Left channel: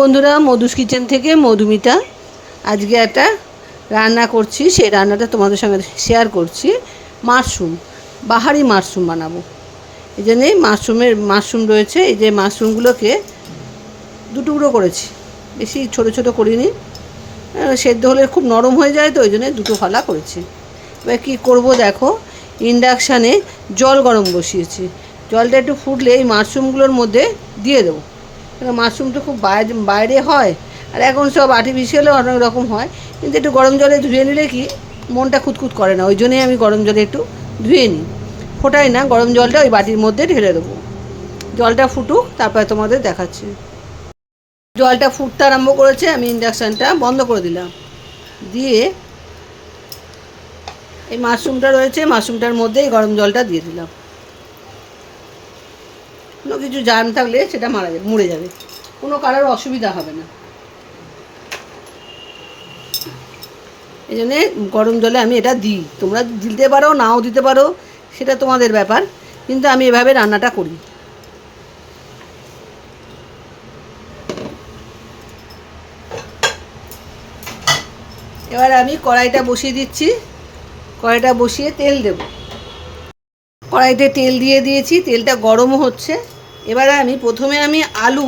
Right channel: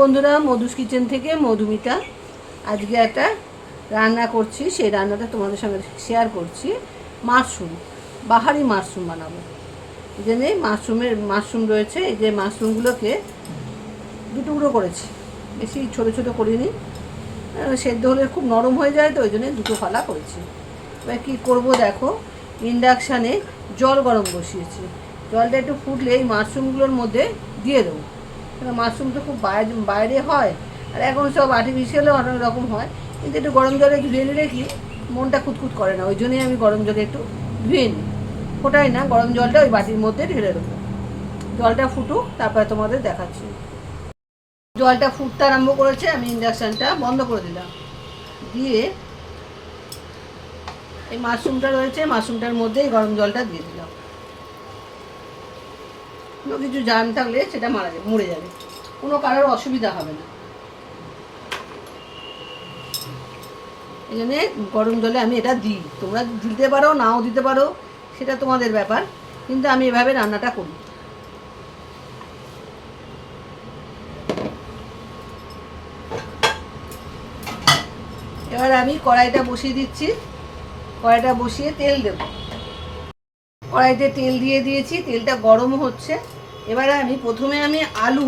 বন্ধুরা, মধুস কিচেন থেকে মধুমিতা। আজকে একটা রান্না করছি, সেই রান্নাটা তোমাদের সঙ্গে শেয়ার করছি। মাশরুম, বাহারি মাশরুম বানাবো। এই জন্যে মাশরুম রয়েছে। এই যে মাশরুমগুলোকে দুটুকরো করেছি, বেশি ছোটো ছোটো করিনি। সেদ্ধ হলে খুব নরম হয়ে যায়, তো ওই জন্যে দুটো ফালা করেছি। এবার কী করবো দেখো, ইন্ডাকশানে জল গরম বসিয়েছি। জলটা একটু ফুটলে এই মাশরুমগুলোর মধ্যে দিয়ে দেবো। মাশরুমটা খুব বাইরে হয়, আর এখন সব আর্টিফিশিয়ালও অনেক রকম হয়, কিন্তু একটু গরম জলে ধুয়ে নিলে কি মনটা খুঁতখুত করে না। ওই জন্যই আমি গরম জলে একটু ধুয়ে নিই, ফোটাই না। গরম জলটা ওই বাটির মধ্যে ঢেলে দেবো। জলটা ফুটুক, তারপরে তোমাদের দেখাচ্ছি। জলটা ফুটতে আরম্ভ করেছে, আমি ইন্ডাকশানটা বন্ধ করে দিলাম। দিয়ে এই মাশরুমটা রয়েছে, মাশরুমটার মধ্যে এই গরম জলটা দিয়ে দিলাম। কোনো কিছু জার্ম থাকলে সেটা মরে যাবে, কোনো কারোর অসুবিধা হবে না। এই জন্যে গরম জলে আমি এটা দিই। তোমরা দিতে পারো, নাও দিতে পারো, সেটা তোমাদের ব্যাপার, কিন্তু আমি এভাবে রান্নাটা করি। এবার আমি কড়াইটা বসিয়ে দিচ্ছি। কড়াইটা বসিয়ে তেল দেব। কড়াইতে তেল দিয়ে দিয়েছি, তেলটা গরমও হচ্ছে। এবারে প্রথমে আমি আলু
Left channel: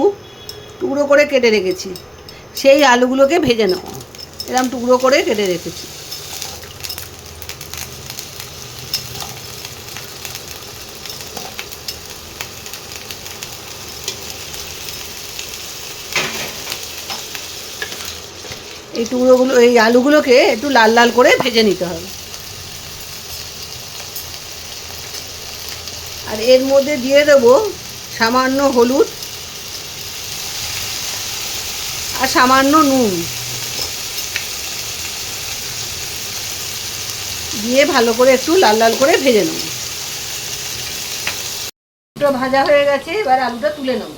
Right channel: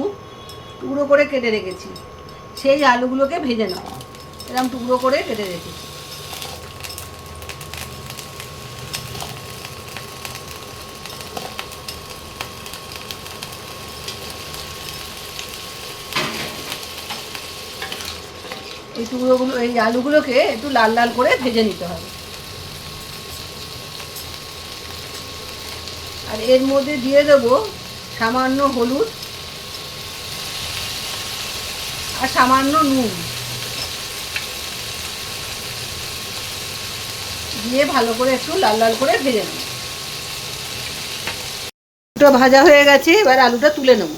টুকরো করে কেটে রেখেছি, সেই আলুগুলোকে ভেজে নেব। এরকম টুকরো করে কেটে রেখেছি। এই আলুগুলোকে একটু লাল লাল করে ভেজে নিতে হবে। আর এর মধ্যে দিয়ে দেবো সামান্য হলুদ আর সামান্য নুন দিয়ে ভালো করে একটু লাল লাল করে ভেজে নেব। দুটো ভাজা হয়ে গেছে, এবার আলুটা তুলে নেব।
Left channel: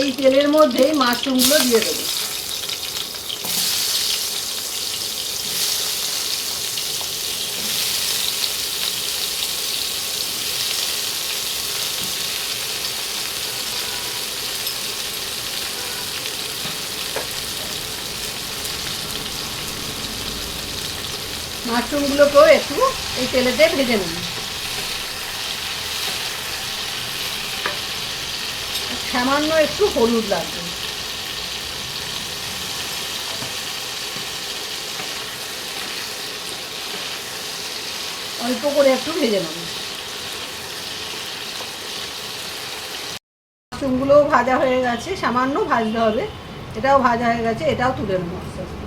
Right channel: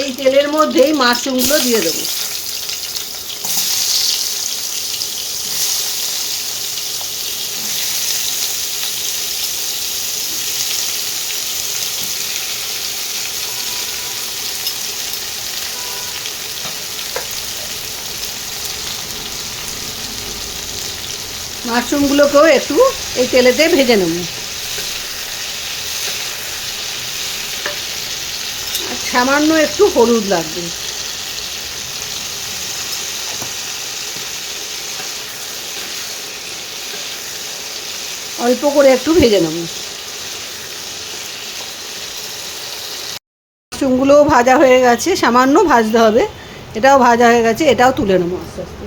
এই তেলের মধ্যেই মাশরুমগুলো দিয়ে দেবো। মাশরুমগুলোকেও একটু এই তেলেতে ভেজে নেব। সামান্য একটু হলুদ লাগবে। অল্প করে একটু ভেজে নেব। মাশরুমগুলোও ভাজা হয়ে গেছে, সামান্য ভাজতে হবে। এটাও ভাজা হয়ে গেছে, এটাও তুলে নেব আস্তে আস্তে।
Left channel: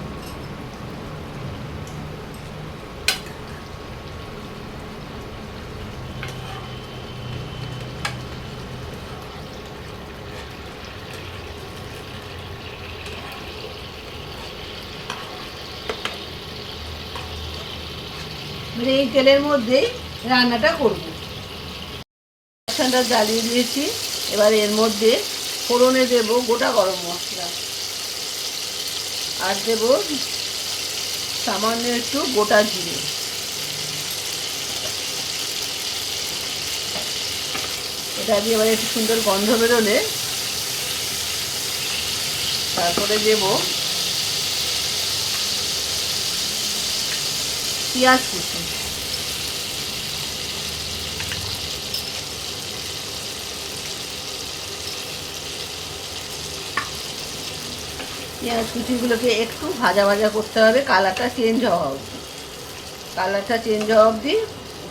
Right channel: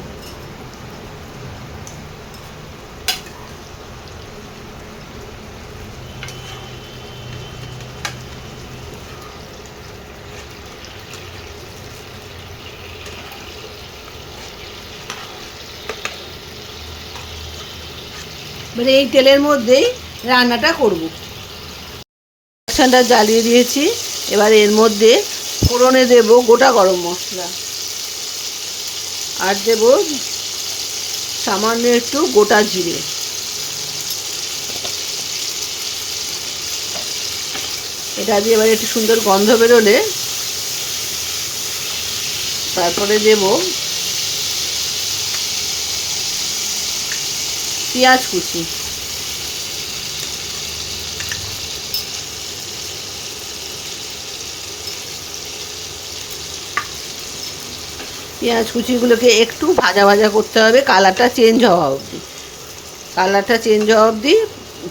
মানে এই তেলের মধ্যেই রান্নাটা করব। ইন্ডাকশনটা জ্বালিয়ে দিয়েছি। এবার এর মধ্যে ফোড়নে দেব গোটা গরম মশলা, আর দেব সামান্য একটু গোটা জিরে। এটা দিয়ে এবার একটু সুন্দর গন্ধ বেরোলে তারপরে দেব পেঁয়াজ কুচি। পেঁয়াজ কুচিগুলোকে একটু ভাজা ভাজা করতে হবে, কালারটা চেঞ্জ হওয়া অবধি। কালারটা চেঞ্জ হওয়া অবধি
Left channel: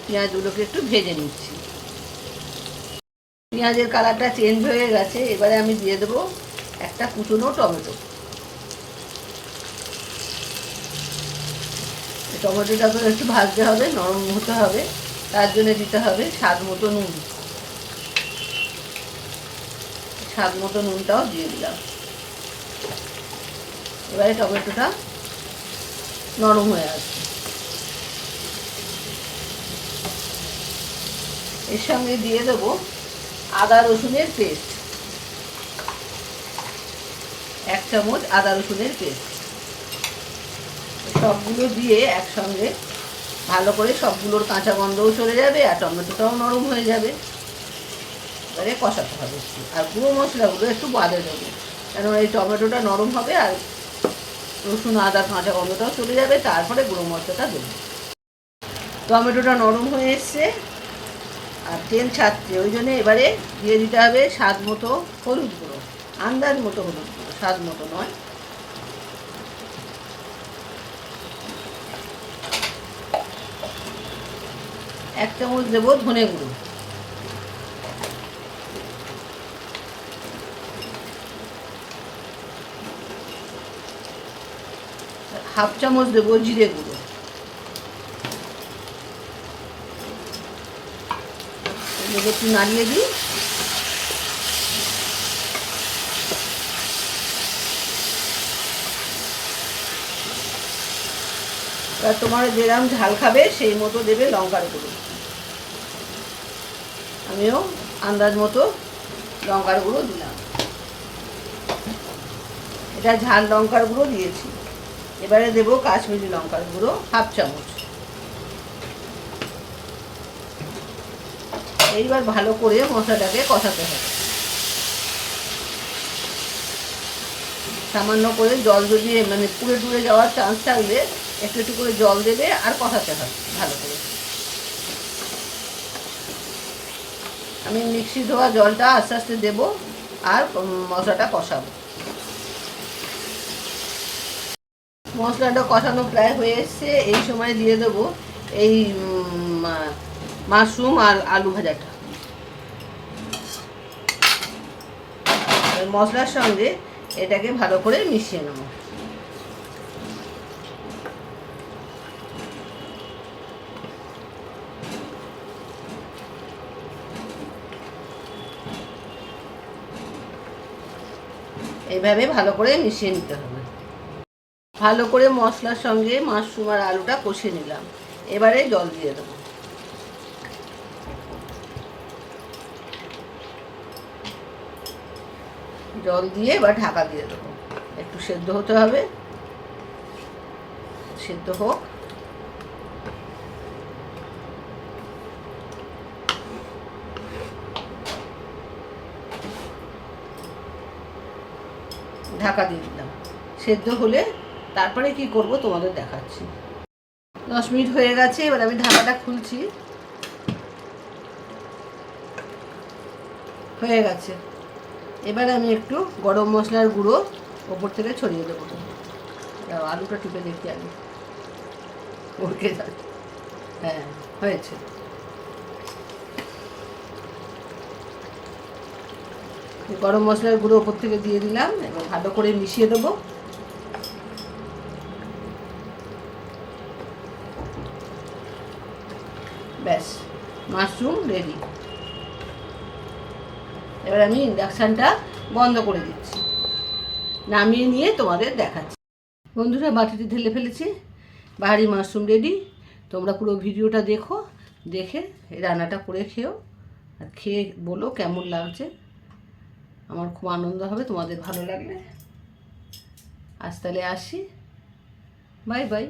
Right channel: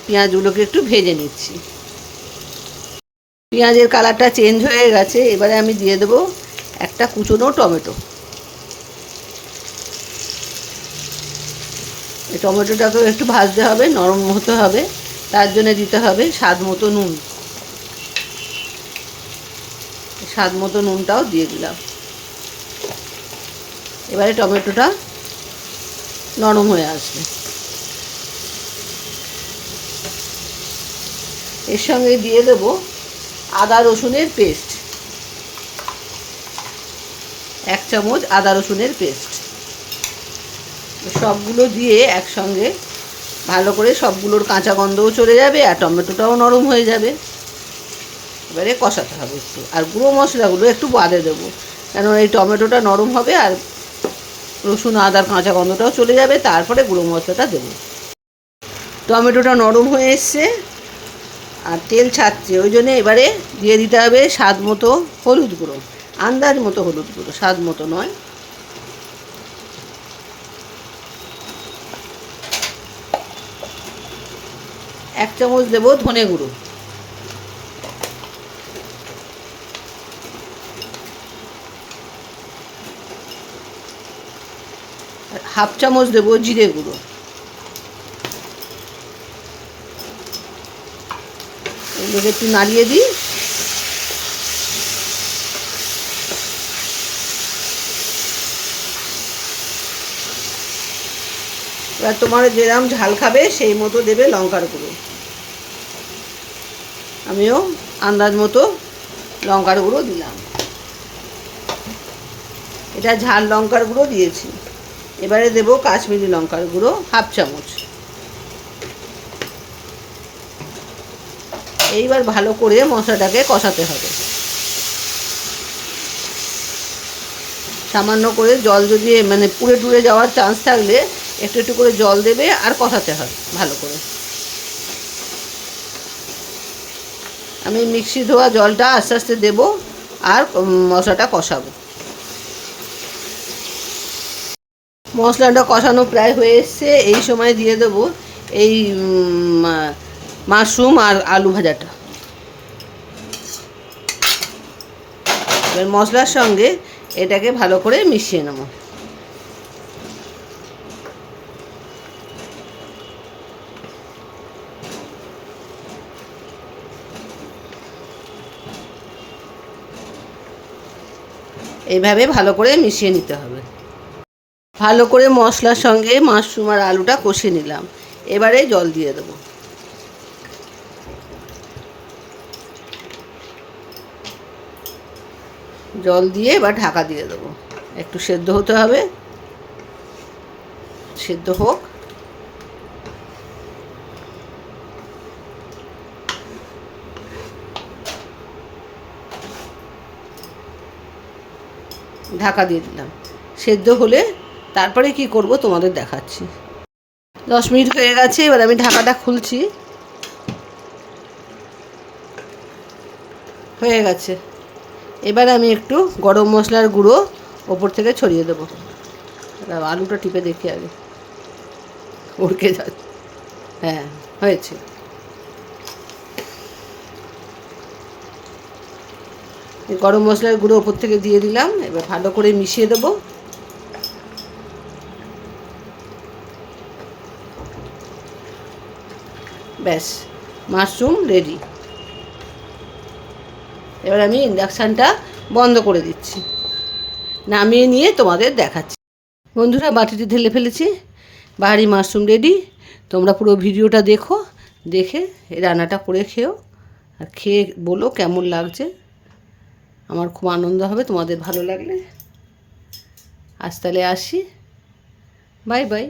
পেঁয়াজগুলোকে একটু ভেজে নিচ্ছি। পেঁয়াজের কালারটা চেঞ্জ হয়ে গেছে, এবারে আমি দিয়ে দেবো একটা কুচনো টমেটো। এই টমেটোটাকেও একটু ভাজতে হবে, নরম হতে হবে, তার জন্য দিতে হবে স্বাদ মতো নুন। স্বাদ মতো নুনটাও দিয়ে দিলাম। এবারে টমেটোটা নরম হয়ে আসবে। এর সঙ্গে দিয়ে দেবো আদা রসুনের পেস্ট, 1 চামচ আদা রসুনের পেস্ট। সবগুলো দিয়ে একসঙ্গে ভালো করে সবগুলোর কাঁচা গন্ধও চলে যাবে আর টমেটোটাও নরম হয়ে যাবে। এবারে কষাতে হবে একটু, আর গুঁড়ো মশলাগুলো একটু বাদে দেবো, কারণ এই টমেটোটা নরম হবে আর রসুন আদার কাঁচা গন্ধটাও চলে যাবে, তারপরে গুঁড়ো মশলাটা দেবো। টমেটোটা নরম হয়ে এসছে আর তেল ছাড়ছে, ওই জন্য এবারে দিয়ে দিতে হবে স্বাদ মতো হলুদ গুঁড়ো, আন্দাজ মতো হলুদ গুঁড়ো, স্বাদ মতো নয়। এক চামচ দেবো ধনে গুঁড়ো, হাফ চামচ দেবো জিরে গুঁড়ো, এগুলোকে একটু নাড়িয়ে দিই। এবার তোমার যেরকম ঝাল খাবে সেই মতো দেবে লঙ্কার গুঁড়ো, আমিও আন্দাজ মতো লঙ্কার গুঁড়ো দিলাম। এটা ঝাল লঙ্কার গুঁড়ো দিয়েছি। এবারে দেবো কাশ্মীরি লঙ্কার গুঁড়ো হাফ চামচ। এইবার ভালো করে মশলাটাকে কষাতে হবে। সামান্য করে জল, যদি মানে পুড়ে টুড়ে যাওয়ার চান্স থাকলে একটু একটু করে জল দেবে আর কষাতে হবে ভালো করে। আমি মিক্সি ধোয়া জলটা আস্তে আস্তে দেবো আর মশলাটা কষাবো। মশলাটা কষানো প্রায় হয়ে এসছে, এই সময় দিয়ে দেবো এই মাশরুম আর আলু ভাজাটা। এবার মশলার সঙ্গে এটাকে ভালো করে মিশিয়ে নেব। এইভাবে ভালো করে মিশিয়ে নিতে হবে। ভালো করে মশলার সঙ্গে মাশরুম আর আলুটা কষে নিলাম, এবারে জল দিয়ে দেবো। জল দিয়ে এবার ঢাকা দিয়ে দেবো, একটু সেদ্ধ হতে হবে, সেদ্ধ হোক। ঢাকা দিয়ে দিলাম, সেদ্ধ হলে তারপরে কি করব তোমাদের দেখাচ্ছি। 10 মিনিট হয়ে গেছে, এবার আমি ঢাকাটা খুলছি। হয়ে গেছে। এবার আমি একটু গরম মশলার গুঁড়ো ওপর থেকে ছড়িয়ে দেবো। আলুটা টিপে দেখি আগে, উড়কে যাচ্ছে। হ্যাঁ, হয়েছে। গরম মশলার গুঁড়ো ওপর থেকে দিয়ে দিলাম, এবার ভালো করে মিশিয়ে দেবো। ব্যাস, মাশরুম রেডি। এবার আমি ইন্ডাকশানটা বন্ধ করে দিচ্ছি, নামিয়ে নিয়ে তোমাদের দেখাচ্ছি। বন্ধুরা, বাটিতে ঢেলে ফেলেছি, বাহারি মাশরুম রেডি। তোমরা পুরো ভিডিওটা দেখো, দেখে এই রান্নাটা করে খেও আর খেয়ে বলো কেমন লাগছে। আমার খুব আনন্দ হবে তোমাদের ভালো লাগলে। আজ তাহলে আসি, বাই বাই।